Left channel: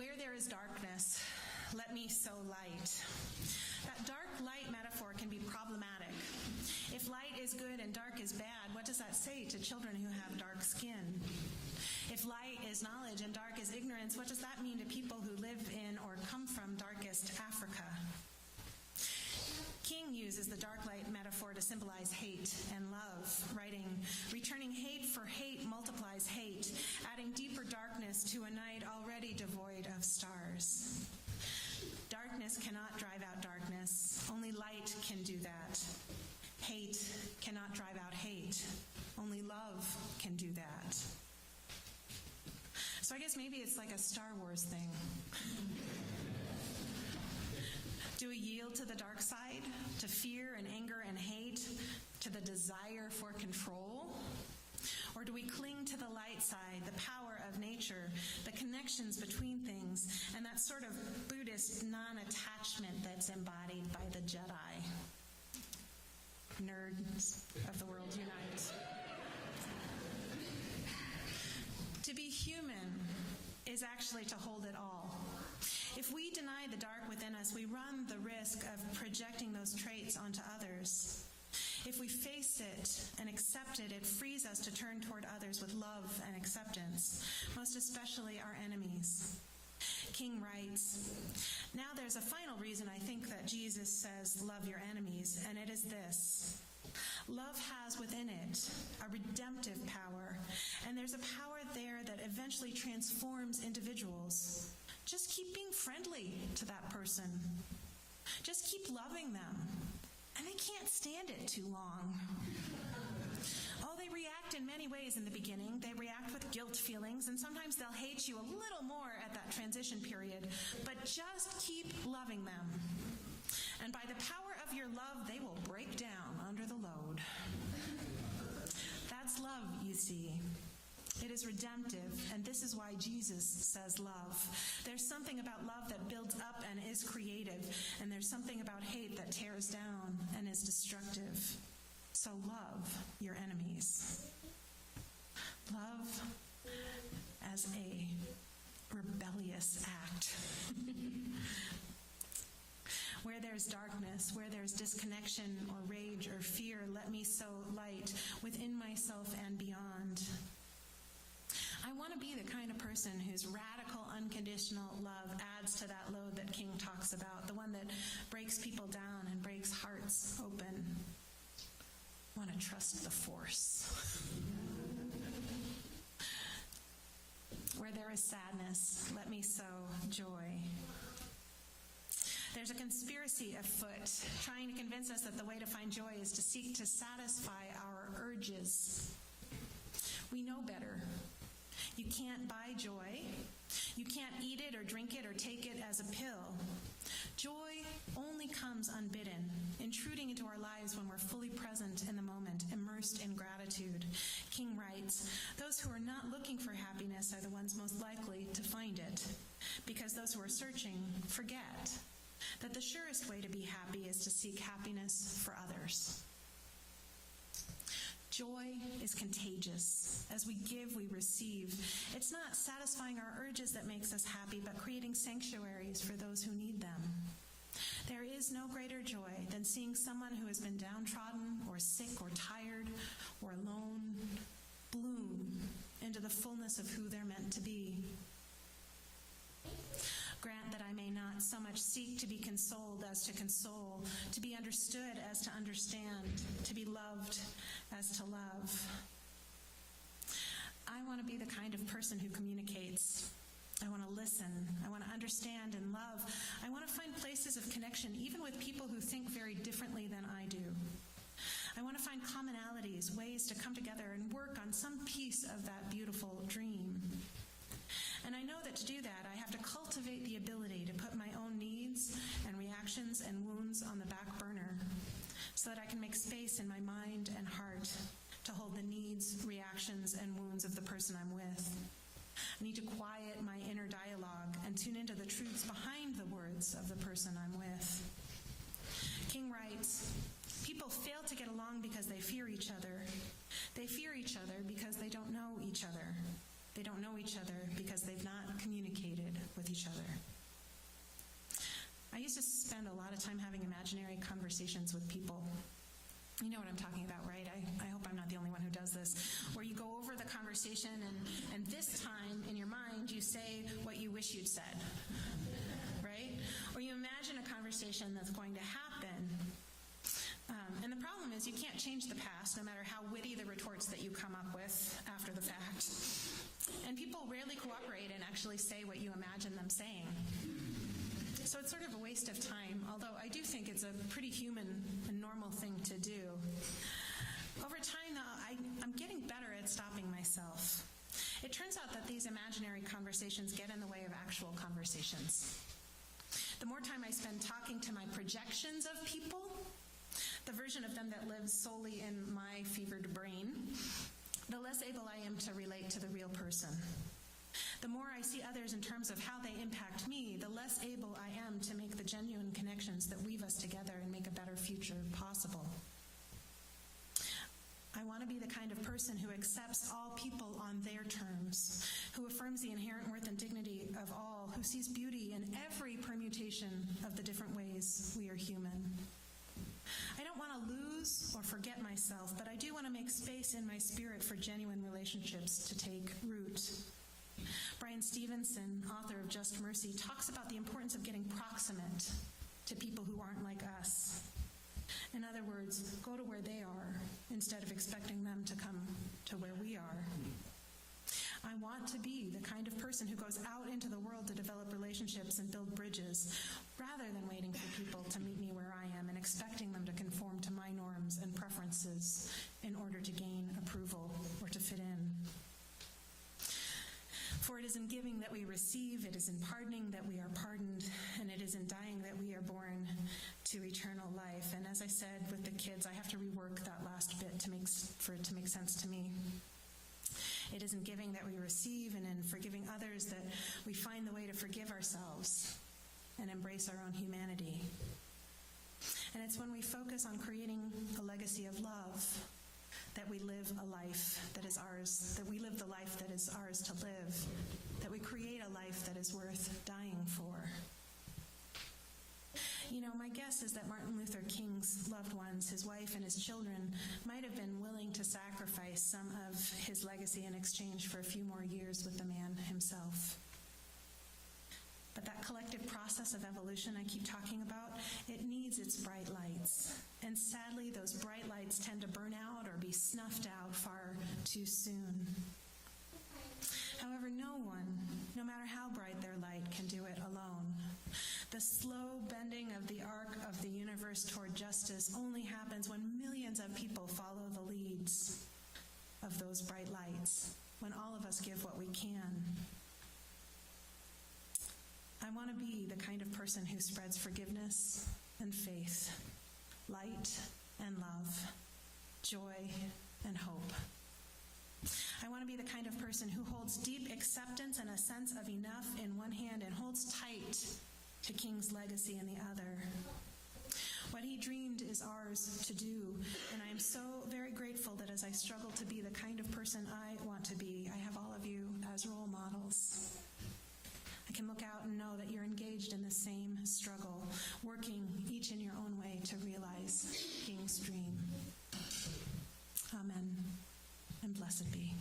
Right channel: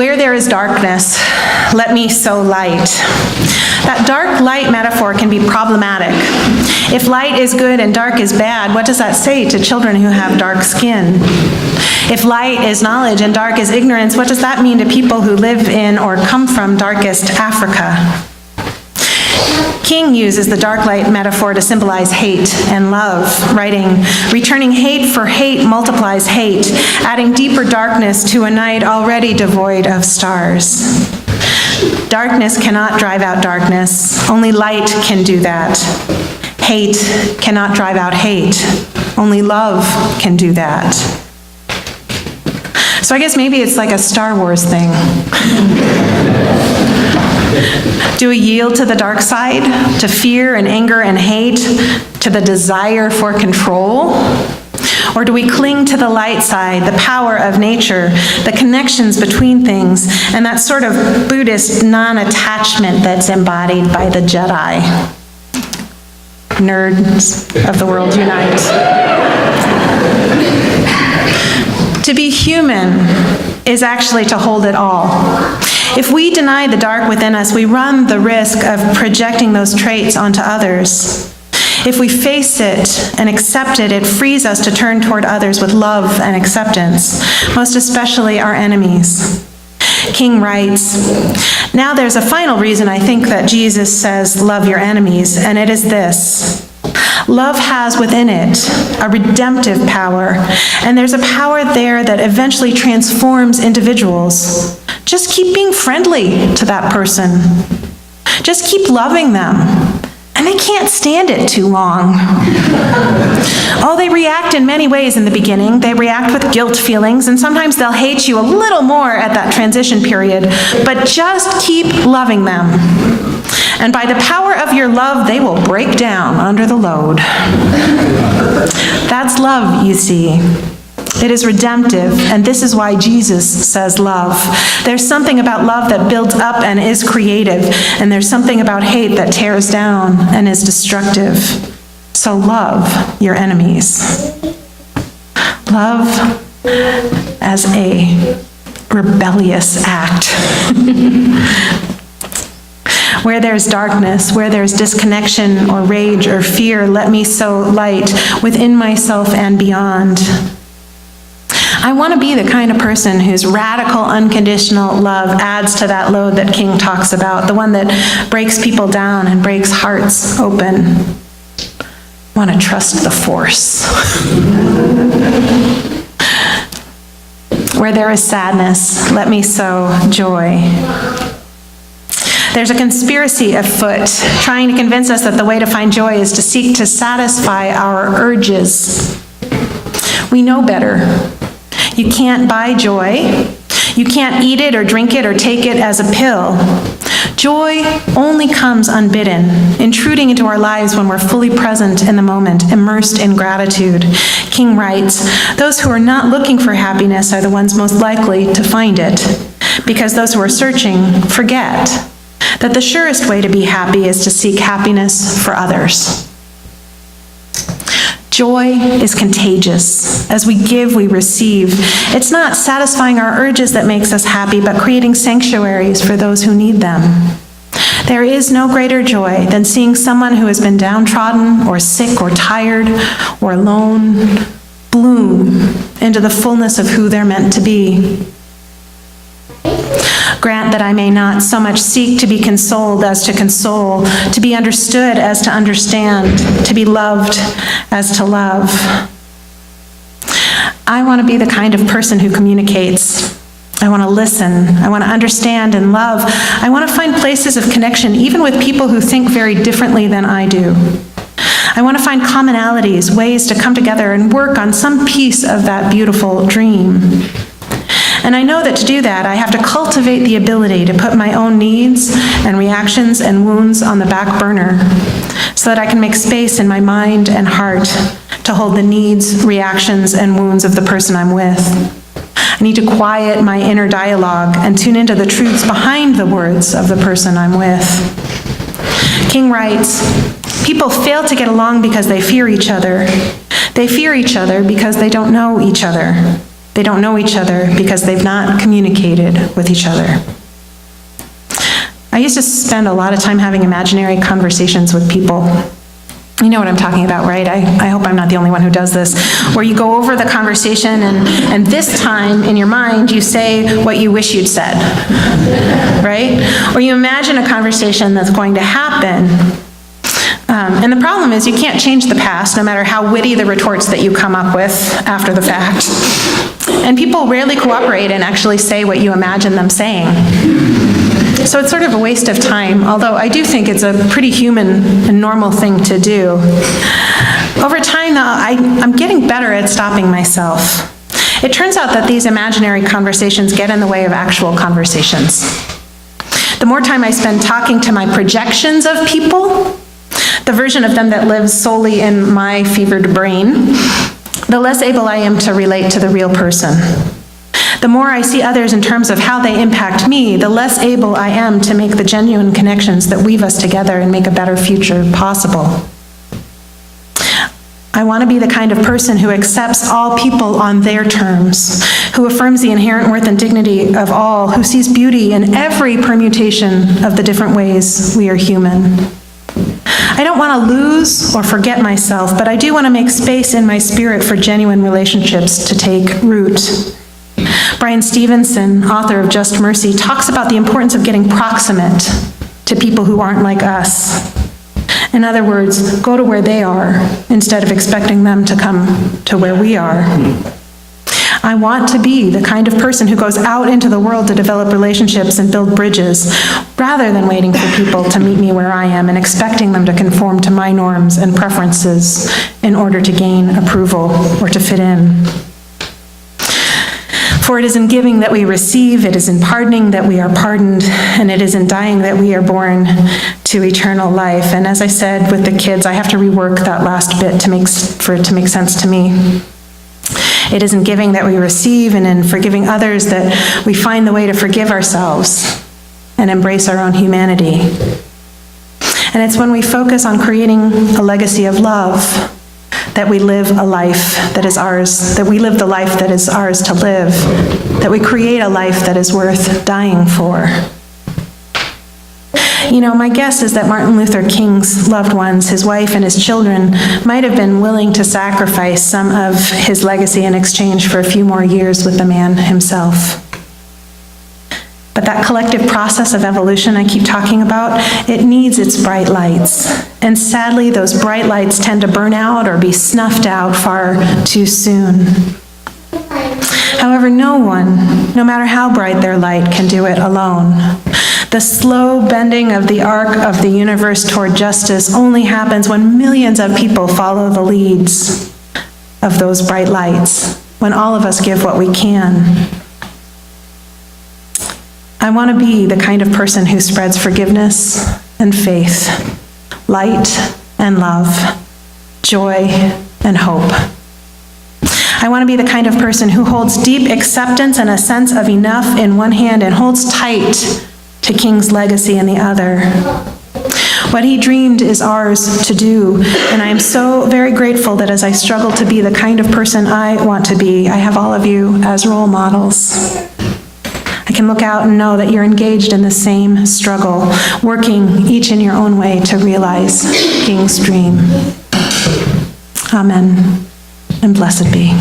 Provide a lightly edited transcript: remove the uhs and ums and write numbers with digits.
Where there is darkness, let me sow light. That dark light metaphor can be problematic. If light is good and dark is bad, what does that say to children who have dark skin? If light is knowledge and dark is ignorance, what does that mean to people who live in or come from darkest Africa? King uses the dark light metaphor to symbolize hate and love, writing, "Returning hate for hate multiplies hate, adding deeper darkness to a night already devoid of stars." Darkness cannot drive out darkness. Only light can do that. Hate cannot drive out hate. Only love can do that. So I guess maybe it's like a Star Wars thing. Do we yield to the dark side, to fear and anger and hate, to the desire for control? Or do we cling to the light side, the power of nature, the connections between things, and that sort of Buddhist non-attachment that's embodied by the Jedi? Nerds of the world unite. To be human is actually to hold it all. If we deny the dark within us, we run the risk of projecting those traits onto others. If we face it and accept it, it frees us to turn toward others with love and acceptance, most especially our enemies. King writes, "Now there's a final reason I think that Jesus says, 'Love your enemies,' and it is this. Love has within it a redemptive power, and there's a power there that eventually transforms individuals. Just keep being friendly to that person. Just keep loving them. And they can't stand it too long. Oh, they react in many ways in the beginning. They react with guilt feelings, and sometimes they'll hate you a little more at that transition period, but just keep loving them. And by the power of your love, they will break down under the load." That's love, you see. It is redemptive, and this is why Jesus says love. There's something about love that builds up and is creative, and there's something about hate that tears down and is destructive. So love your enemies. Love as a rebellious act. Where there's darkness, where there's disconnection or rage or fear, let me sow light within myself and beyond. I want to be the kind of person whose radical, unconditional love adds to that load that King talks about, the one that breaks people down and breaks hearts open. I want to trust the force. Where there is sadness, let me sow joy. There's a conspiracy afoot trying to convince us that the way to find joy is to seek to satisfy our urges. We know better. You can't buy joy. You can't eat it or drink it or take it as a pill. Joy only comes unbidden, intruding into our lives when we're fully present in the moment, immersed in gratitude. King writes, "Those who are not looking for happiness are the ones most likely to find it, because those who are searching forget that the surest way to be happy is to seek happiness for others." Joy is contagious. As we give, we receive. It's not satisfying our urges that makes us happy, but creating sanctuaries for those who need them. There is no greater joy than seeing someone who has been downtrodden or sick or tired or alone bloom into the fullness of who they're meant to be. Grant that I may not so much seek to be consoled as to console, to be understood as to understand, to be loved as to love. I want to be the kind of person who communicates. I want to listen. I want to understand and love. I want to find places of connection, even with people who think very differently than I do. I want to find commonalities, ways to come together and work on some piece of that beautiful dream. And I know that to do that, I have to cultivate the ability to put my own needs and reactions and wounds on the back burner so that I can make space in my mind and heart to hold the needs, reactions, and wounds of the person I'm with. I need to quiet my inner dialogue and tune into the truths behind the words of the person I'm with. King writes, "People fail to get along because they fear each other. They fear each other because they don't know each other. They don't know each other because they've not communicated with each other. I used to spend a lot of time having imaginary conversations with people. You know what I'm talking about, right? I hope I'm not the only one who does this, where you go over the conversation and this time in your mind you say what you wish you'd said, right? Or you imagine a conversation that's going to happen. And the problem is you can't change the past, no matter how witty the retorts that you come up with after the fact. And people rarely cooperate and actually say what you imagine them saying. So it's sort of a waste of time, although I do think it's a pretty human and normal thing to do. Over time, though, I'm getting better at stopping myself. It turns out that these imaginary conversations get in the way of actual conversations. The more time I spend talking to my projections of people, the version of them that lives solely in my fevered brain, the less able I am to relate to the real person. The more I see others in terms of how they impact me, the less able I am to make the genuine connections that weave us together and make a better future possible. I want to be the kind of person who accepts all people on their terms, who affirms the inherent worth and dignity of all, who sees beauty in every permutation of the different ways we are human. I don't want to lose or forget myself, but I do want to make space in my spirit for genuine relationships to take root. Brian Stevenson, author of Just Mercy, talks about the importance of getting proximate to people who aren't like us. In other words, go to where they are instead of expecting them to come to where we are. I want to be the kind of person who goes out into the world to develop relationships and build bridges, rather than waiting for people to meet me where I am and expecting them to conform to my norms and preferences in order to gain approval or to fit in. For it is in giving that we receive, it is in pardoning that we are pardoned, and it is in dying that we are born to eternal life. And as I said with the kids, I have to rework that last bit for it to make sense to me. It is in giving that we receive, and in forgiving others that we find the way to forgive ourselves and embrace our own humanity. And it's when we focus on creating a legacy of love that we live a life that is ours, that we live the life that is ours to live, that we create a life that is worth dying for. You know, my guess is that Martin Luther King's loved ones, his wife and his children, might have been willing to sacrifice some of his legacy in exchange for a few more years with the man himself. But that collective process of evolution I keep talking about, it needs its bright lights. And sadly, those bright lights tend to burn out or be snuffed out far too soon. However, no one, no matter how bright their light, can do it alone. The slow bending of the arc of the universe toward justice only happens when millions of people follow the leads of those bright lights, when all of us give what we can. I want to be the kind of person who spreads forgiveness and faith, light and love, joy and hope. I want to be the kind of person who holds deep acceptance and a sense of enough in one hand and holds tight to King's legacy in the other. What he dreamed is ours to do, and I am so very grateful that as I struggle to be the kind of person I want to be, I have all of you as role models. I can look out and know that you're engaged in the same struggle, working each in your own way to realize King's dream. Amen, and blessed be.